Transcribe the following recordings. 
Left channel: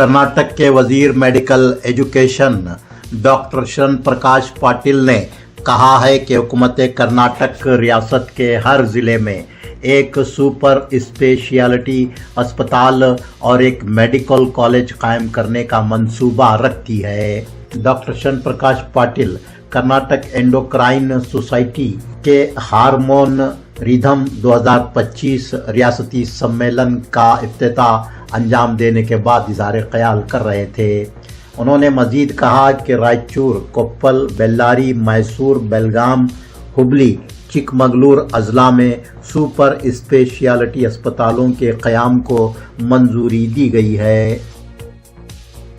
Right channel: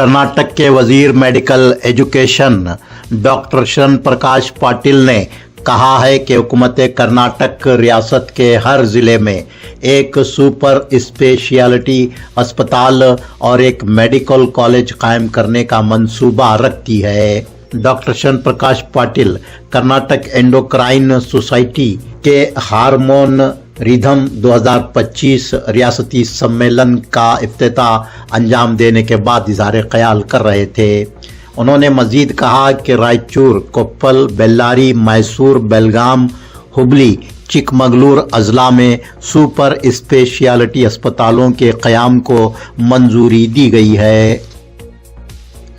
कर्नाटक के वजीर medical education doctor शरण प्रकाश पाटिल ने कहा है कि हुकूमत कर्नाटक रियासत के हर ज़िले में एक सुपर स्पेशलिटी अस्पताल और एक मेडिकल कॉलेज कायम करने का मंसूबा रखती है। डॉक्टर शरण प्रकाश पाटिल कर्नाटक एंडोक्राइन सोसाइटी के हार्मोन रिदम 2025 रियासती सम्मेलन का इफ्तिताह अंजाम देने के बाद इज़हार ख्याल कर रहे थे। उन्होंने मजीद कहा कि रायचूर, कोप्पल, बेल्लारी, मैसूर, बेलगाम, हुबली, चिकमगलूर अजला में सुपर स्पेशलिटी अस्पतालों के क़याम को मंजूरी दी गई है।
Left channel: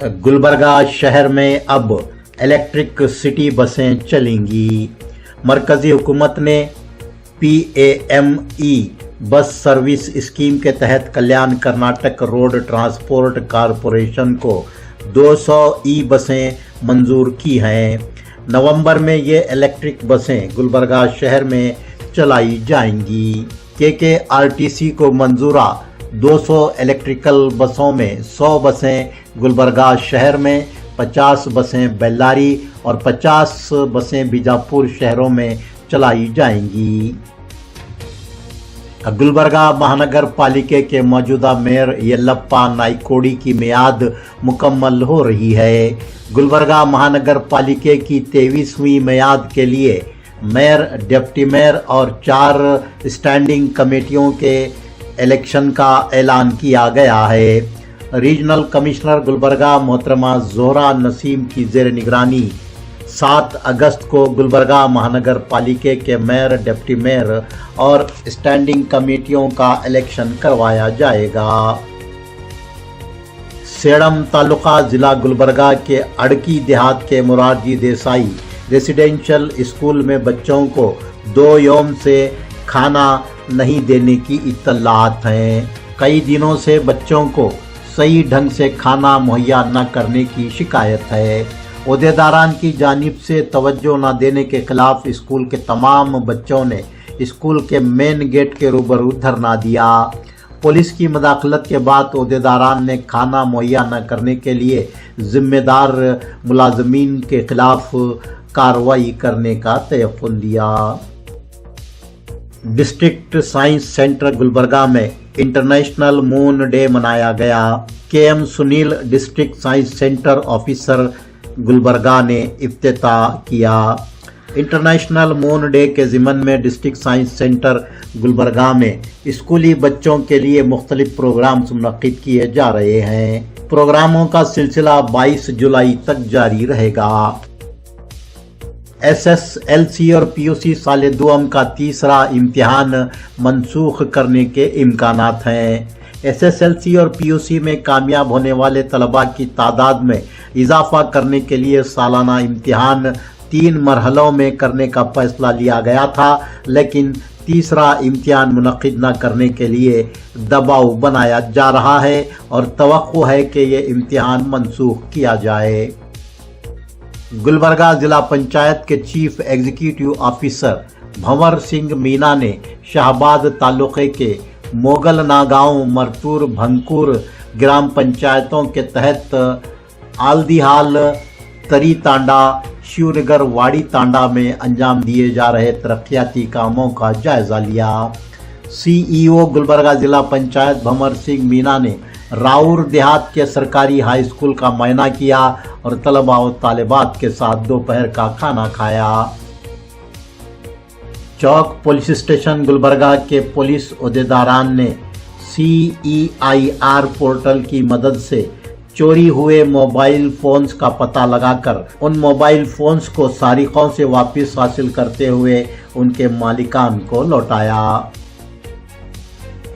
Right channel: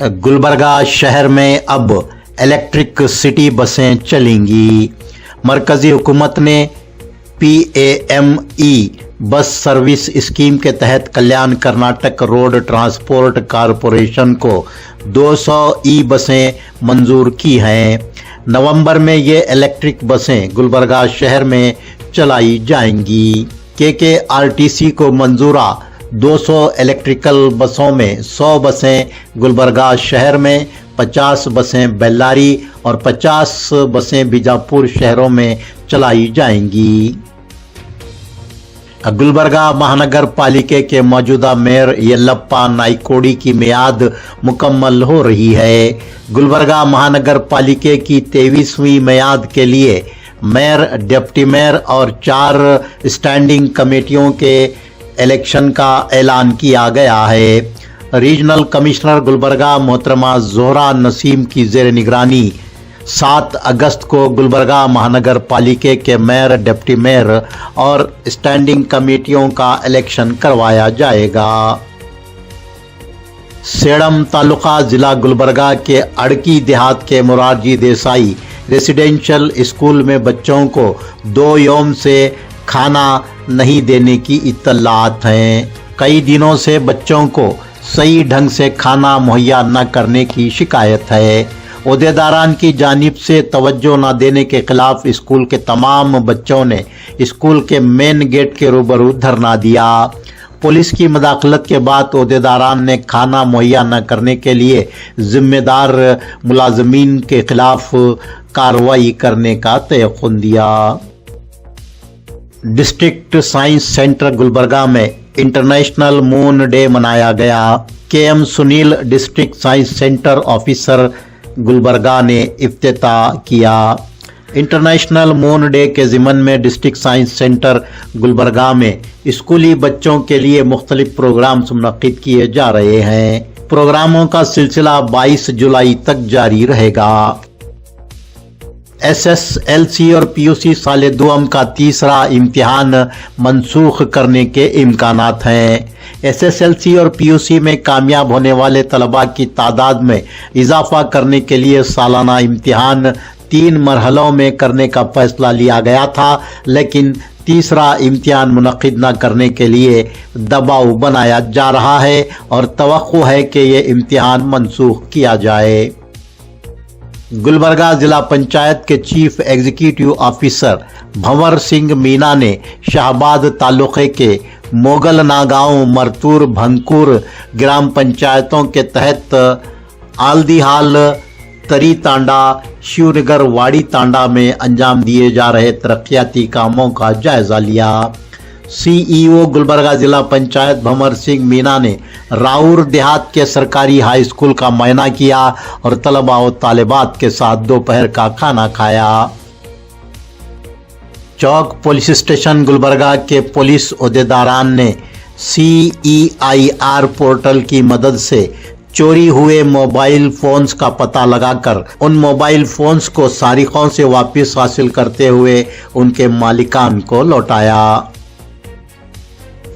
गुलबर्गा शहर में अब इलेक्ट्रिक सिटी बसें चलेंगी। मरकज़ी हुकूमत ने PAME बस सर्विस स्कीम के तहत कल्याण कर्नाटक रोड ट्रांसपोर्ट कॉरपोरेशन को 200 बसें मंजूर की हैं। नवंबर में ये इलेक्ट्रिक बसें गुलबर्गा शहर में चलाई जाएंगी। KKRTC को मंजूरा 200 इलेक्ट्रिकल बसों में 100 बसें गुलबर्गा शहर में, 50 बसें बेल्लारी और 50 बसें बीजापुर शहरों में चलाई जाएंगी। गुलबर्गा महानगर पालिका के मौजूदा मेयर येल्लप्पा नाइकोडी की मियाद मुकम्मल हो रही है। गुलबर्गा महानगर पालिका की 23वीं मियाद के लिए मेयर, डिप्टी मेयर और 4 स्टैंडिंग कमेटियों के इलेक्शन का ऐलान किया गया है। रीजनल कमिश्नर गुलबर्गा मोहतरमा जोहरा नसीम की ज़ेर निगरानी 7 अगस्त को गुलबर्गा महानगर पालिका के मेयर, डिप्टी मेयर और स्टैंडिंग कमेटियों का इलेक्शन करवाया जाएगा। सेडम तालुका जिला गुलबर्गा के अड़की देहात के मोरारजी देसाई रेसिडेंशियल स्कूल में बच्चों को 2 यौम से खाना नहीं देने की इत्तलात हैं। कई दिनों से बच्चों को सही ढंग से खाना मुहैया न करने की शिकायत है। ओहदेदारान की जानिब से तवज्जो न देने के खिलाफ स्कूल के तमाम बच्चों ने स्कूल के मेन गेट के रूबरू धरना दिया। पुलिस की मदाखलत के बाद ओहदेदारान ने खाना मुहैया न करने के लिए जिम्मेदार मुलाजमीन के खिलाफ कार्रवाई करने का तयक़ुन दिया। डिस्ट्रिक्ट साइंस सेंटर गुलबर्गा में इंटरनेशनल मून डे मनाया गया। KM Sunil district science centre officer Gulbarga ने इफ्तिताह किया। इंटरनेशनल मून डे के ज़िमन में डिस्ट्रिक्ट साइंस सेंटर गुलबर्गा में स्कूली बच्चों के लिए मुख्तलिफ प्रोग्राम्स मुनक्किद किए जा रहे हैं। प्रोग्रामों का सिलसिला 22 जुलाई तक जारी रहेगा। SSLC और PUC साल दुआम का तीसरा इम्तिहान मनसूख करने के इम्कानात हैं। SSLC और PUC में कामयाब होने वाले तलबा की तादाद में इजाफा करने के लिए सालाना इम्तिहान 3 मरहलों में करने का फैसला लिया गया था, लेकिन तीसरा इम्तिहान मुनक्किद न करने के लिए दबाव बनाया जा रहा है और तवक्को है कि ये इम्तिहान मनसूख किया जाए। गुलबर्गा जिला पंचायत के chief executive officer Bhanwar Singh Meena ने शाहबाद तालुके के मोगल नागांव, मरतूर, भंकुर ग्राम पंचायतों के तहत आलदीहाल, तरी तांडा, शिवनगर, वाड़ी तांडा में अंजाम दिए जा रहे तरक्याती कामों का जायजा लिया। CEO गुलबर्गा जिला पंचायत भंवर सिंह मीना ने राउर देहात के सरकारी हाई स्कूल का मुआयना किया और तलबा और तालिबात के साथ दोपहर का खाना खाया। चौक पुलिस स्टेशन गुलबर्गा के पुलिस ओहदेदारान ने CEIR पोर्टल की मदद से चोरी हुए मोबाइल फोन्स का पता लगाकर उन मोबाइल फोन्स को सारिकों से वापस हासिल करते हुए उनके मालिकान को लौटाया।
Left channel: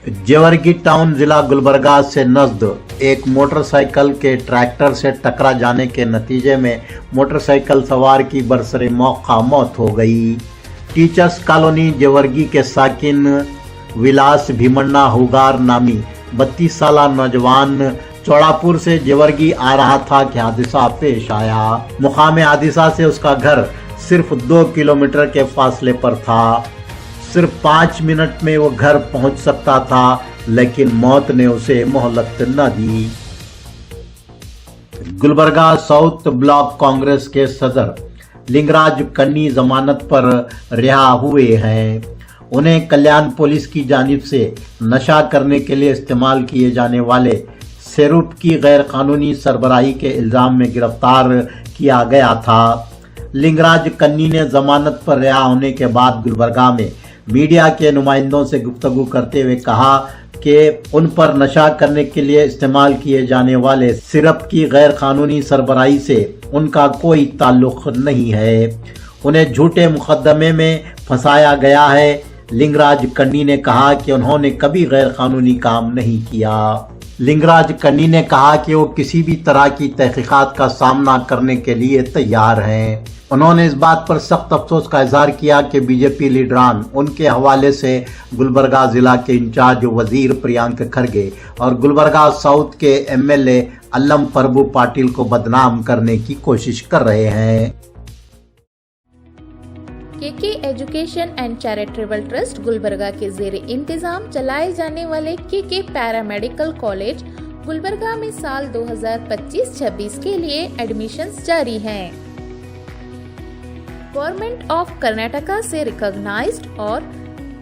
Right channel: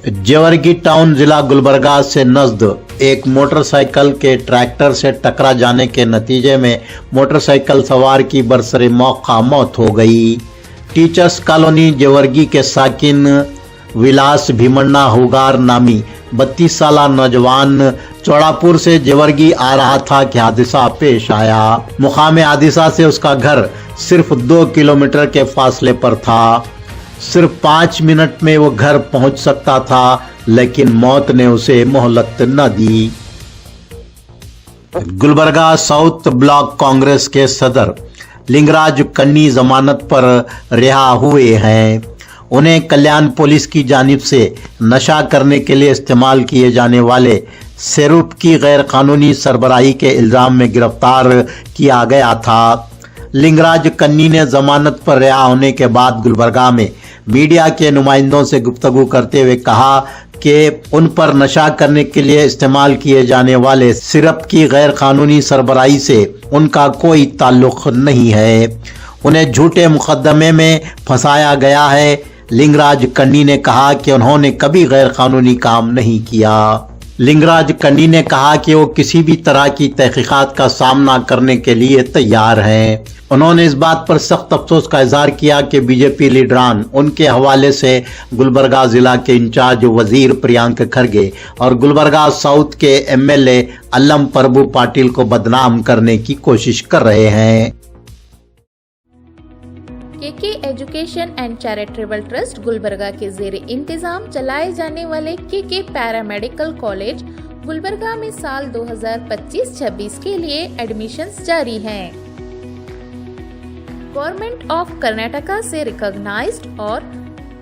जेवर्गी टाउन जिला गुलबर्गा से नजद एक मोटरसाइकिल के ट्रैक्टर से टकरा जाने के नतीजे में मोटरसाइकिल सवार की बरसरे मौका मौत हो गई। टीचर्स कॉलोनी जेवर्गी के साकिन विलास भीमन्ना हुगार नामी 32 साला नौजवान चौड़ापुर से जेवर्गी आ रहा था कि हादसा पेश आया। मुकाम हादसा से उसका घर सिर्फ 2 किलोमीटर के फासले पर था। सिर्फ 5 मिनट में वो घर पहुंच सकता था, लेकिन मौत ने उसे मोहलत न दी। गुलबर्गा साउथ ब्लॉक कांग्रेस के सदर लिंगराज कन्नी जमानत पर रिहा हुए हैं। उन्हें कल्याण पुलिस की जानिब से नशा करने के लिए इस्तेमाल किए जाने वाले सिरप की गैर कानूनी सरबराही के इल्जाम में गिरफ्तार किया गया था। लिंगराज कन्नी ने जमानत पर रिहा होने के बाद गुलबर्गा में मीडिया के नुमाइंदों से गुफ्तगू करते हुए कहा कि उन पर नशा करने के लिए इस्तेमाल किए जाने वाले सिरप की गैर कानूनी सरबराही से उनका कोई ताल्लुक नहीं है। उन्हें झूठे मुकदमे में फंसाया गया है। लिंगराज कन्नी ने कहा कि उन्होंने कभी गैर कानूनी काम नहीं किया। लिंगराज कन्नी ने कहा कि वो किसी भी तरह की तहकीकात का सामना करने के लिए तैयार हैं। उन्होंने इस बात पर सख्त अफसोस का इजहार किया कि बीजेपी लीडरान उनके हवाले से गुलबर्गा जिला के इंचार्ज वजीर प्रियांक खरगे और गुलबर्गा साउथ के एमएलए अल्लम प्रभु पाटिल को बदनाम करने की कोशिश कर रहे हैं। KK education and charitable trust Gulbarga के ज़ेरे इंतजाम चलाए जाने वाले केके पैरामेडिकल कॉलेज गुलबर्गा में साल 2025-26 के लिए एडमिशन्स जारी हैं। गवर्नमेंट ऑफ कर्नाटका से रिकॉग्नाइज्ड और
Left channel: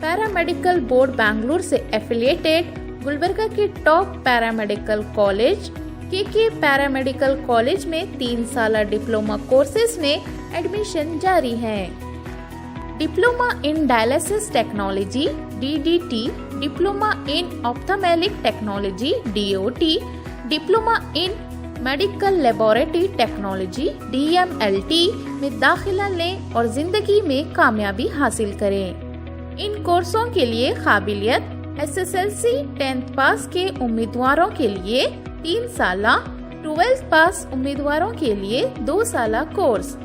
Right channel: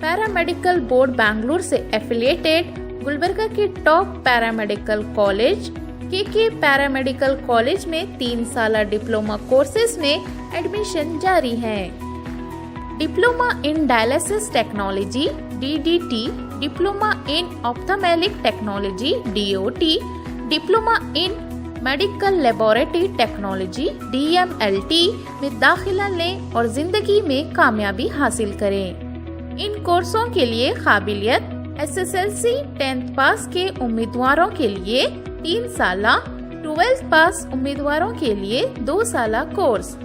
पैरामेडिकल बोर्ड बैंगलोर से एफिलिएटेड गुलबर्गा के top paramedical college KK paramedical college में 3 साल डिप्लोमा कोर्सेज में एडमिशन जारी हैं। Diploma in dialysis technology DDT, diploma in ophthalmic technology DOT, diploma in medical laboratory technology DMLT में दाखिला लें और जिंदगी में कामयाबी हासिल करें। इन कोर्सों के लिए काबिलियत SSLC 10th पास के उम्मीदवारों के लिए 3 साला, 12th पास उम्मीदवारों के लिए 2 साला course,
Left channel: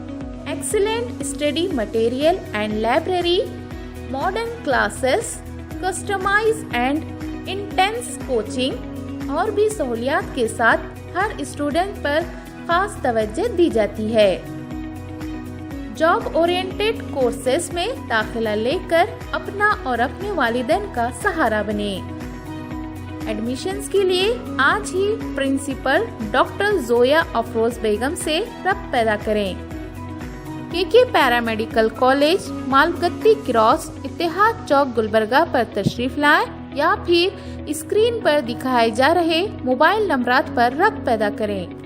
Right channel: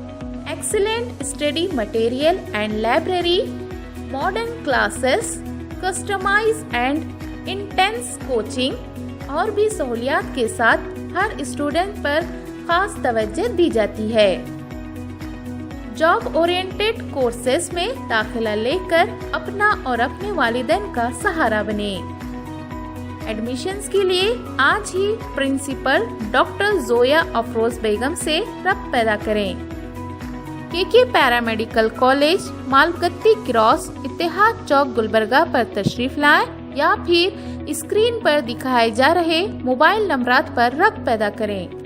excellent study material and library, modern classes, customise and intense coaching और भी सहूलियात के साथ हर स्टूडेंट पर खास तवज्जो दी जाती है। जॉब ओरिएंटेड कोर्सेज में दाखिला लेकर अपना और अपने वालिदैन का सहारा बने। एडमिशन्स के लिए आज ही प्रिंसिपल डॉक्टर जोया अफरोज बेगम से रब्त पैदा करें। केके पैरामेडिकल कॉलेज मालगत्ती क्रॉस इत्तेहाद चौक गुलबर्गा पर तशरीफ लाएं या फिर स्क्रीन पर दिखाए जा रहे मोबाइल नंबरात पर रब्त पैदा करें।